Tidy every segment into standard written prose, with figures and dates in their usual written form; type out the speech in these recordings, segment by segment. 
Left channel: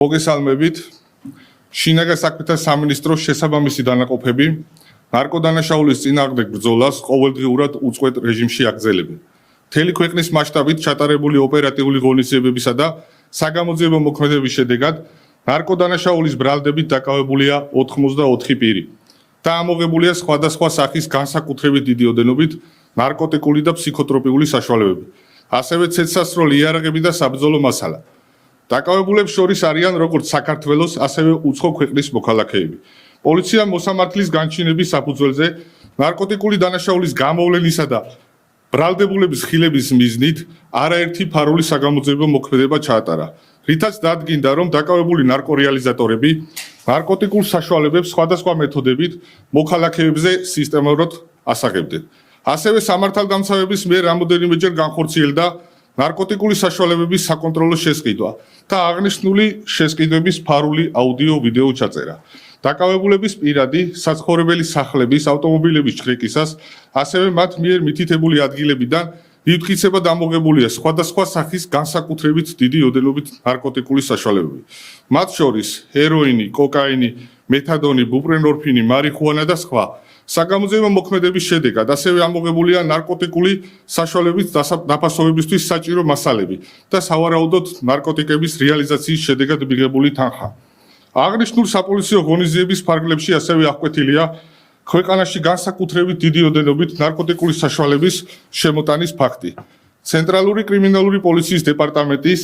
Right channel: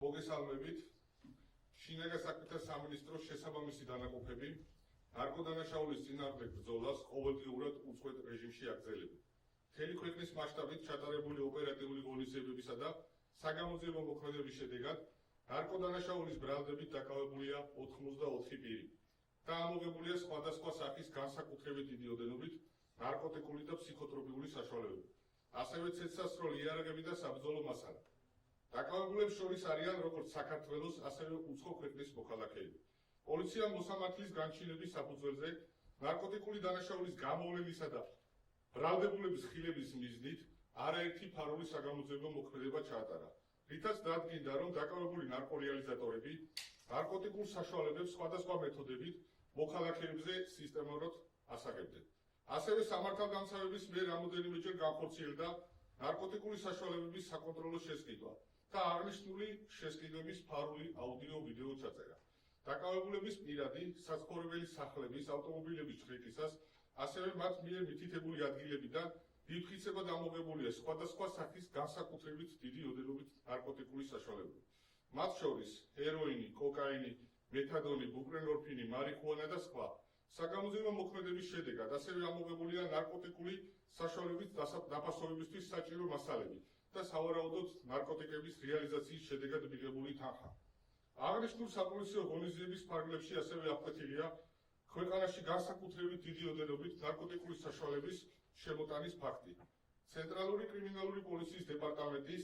მოგესალმებით. შინაგან საქმეთა სამინისტროს შესაბამისი დანაყოფები ნარკოდანაშაულის წინააღმდეგ ბრძოლას ყოველდღიურად უწყვეტ რეჟიმში აგრძელებენ. მთელი ქვეყნის მასშტაბით ჩატარებული ოპერატიული ღონისძიებებისა და საგამოძიებო მოქმედებების შედეგად ნარკოდანაშაულის ბრალდებით დაკავებულია 84 პირი და ამოღებულია სხვადასხვა სახის განსაკუთრებით დიდი ოდენობით ნარკოტიკული და ფსიქოტროპიული საშუალებები, ასევე ცეცხლსასროლი იარაღები და საბრძოლო მასალა. დაკავებულებს შორის არიან როგორც საქართველოს, ასევე უცხო ქვეყნის მოქალაქეები. პოლიციამ მოსამართლის განჩინების საფუძველზე ნარკოტიკული დანაშაულის გამოვლენისა და ბრალდებულების ხილების მიზნით არაერთი ფარული საგამოძიებო მოქმედება ჩაატარა, რითაც დადგინდა, რომ დაკავებული ნარკორეალიზატორები ნარკოტიკულ საშუალებებს სხვადასხვა მეთოდებით მოქალაქეებზე სისტემატურად ასაღებდნენ. ასევე სამართალდამცავების მიერ რამოდენიმეჯერ განხორციელდა ნარკოტიკული საშუალებების საკონტროლო შესყიდვა და აღნიშნული შესყიდვების ფარული აუდიო-ვიდეო ჩაწერა. დაკავებულების პირადი, საცხოვრებელი სახლების, ავტომობილების ჩხრეკისას, ასევე მათ მიერ მითითებული ადგილებიდან მიფხიცება დამოღებულია სხვადასხვა სახის განსაკუთრებით დიდი ოდენობით ნარკოტიკული საშუალებები. მათ შორის ჰეროინი, კოკაინი, მეთადონი, ბუპრენორფინი, მარიხუანა და სხვა. საგამოძიებო მოქმედების შედეგად ასევე ამოღებულია ნარკოტიკული საშუალებით დაფასობებისთვის საჭირო მასალები და სავარაუდოდ ნარკოტიკების რეალიზაციის შედეგად მიღებული თანხა. აღნიშნულ საპოლიციო ღონისძიების ფარგლებში ასევე აღკვეთილია ქვეყანაში განსაკუთრებით დიდი ოდენობით ნარკოტიკული საშუალების შემოტანის ფაქტი. ცენტრალური კრიმინალური პოლიციის დეპარტამენტის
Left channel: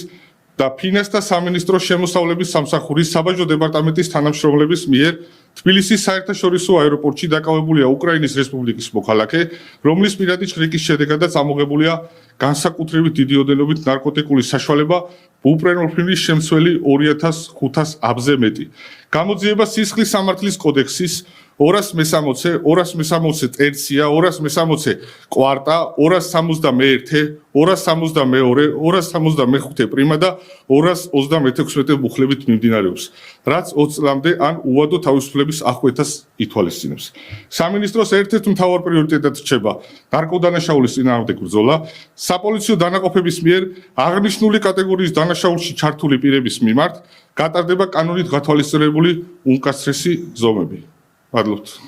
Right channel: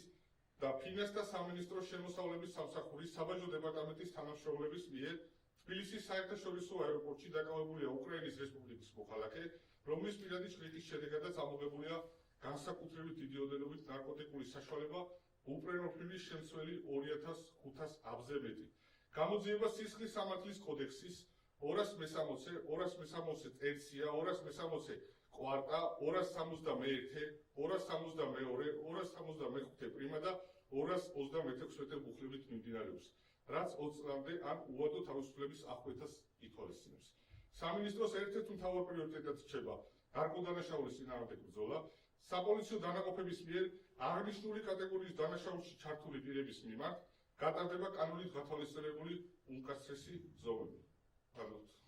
და ფინანსთა სამინისტროს შემოსავლების სამსახურის საბაჟო დეპარტამენტის თანამშრომლების მიერ თბილისის საერთაშორისო აეროპორტში დაკავებულია უკრაინის რესპუბლიკის მოქალაქე, რომლის პირადი ჩხრიკის შედეგადაც ამოღებულია განსაკუთრებით დიდი ოდენობით ნარკოტიკული საშუალება ბუპრენორფინის შემცველი 2500 აბზე მეტი. გამოძიება სისხლის სამართლის კოდექსის 260, 260 ტერცია, 260 კვარტა, 261, 262, 265 პრიმა და 236 მუხლებით მიმდინარეობს, რაც 20 წლამდე ან უვადო თავისუფლების აღკვეთას ითვალისწინებს. სამინისტროს ერთ-ერთ მთავარ პრიორიტეტად რჩება ნარკოდანაშაულის წინააღმდეგ ბრძოლა. საპოლიციო დანაყოფების მიერ აღნიშნული კატეგორიის დანაშაულში ჩართული პირების მიმართ გატარდება კანონით გათვალისწინებული უმკაცრესი ზომები. მადლობთ.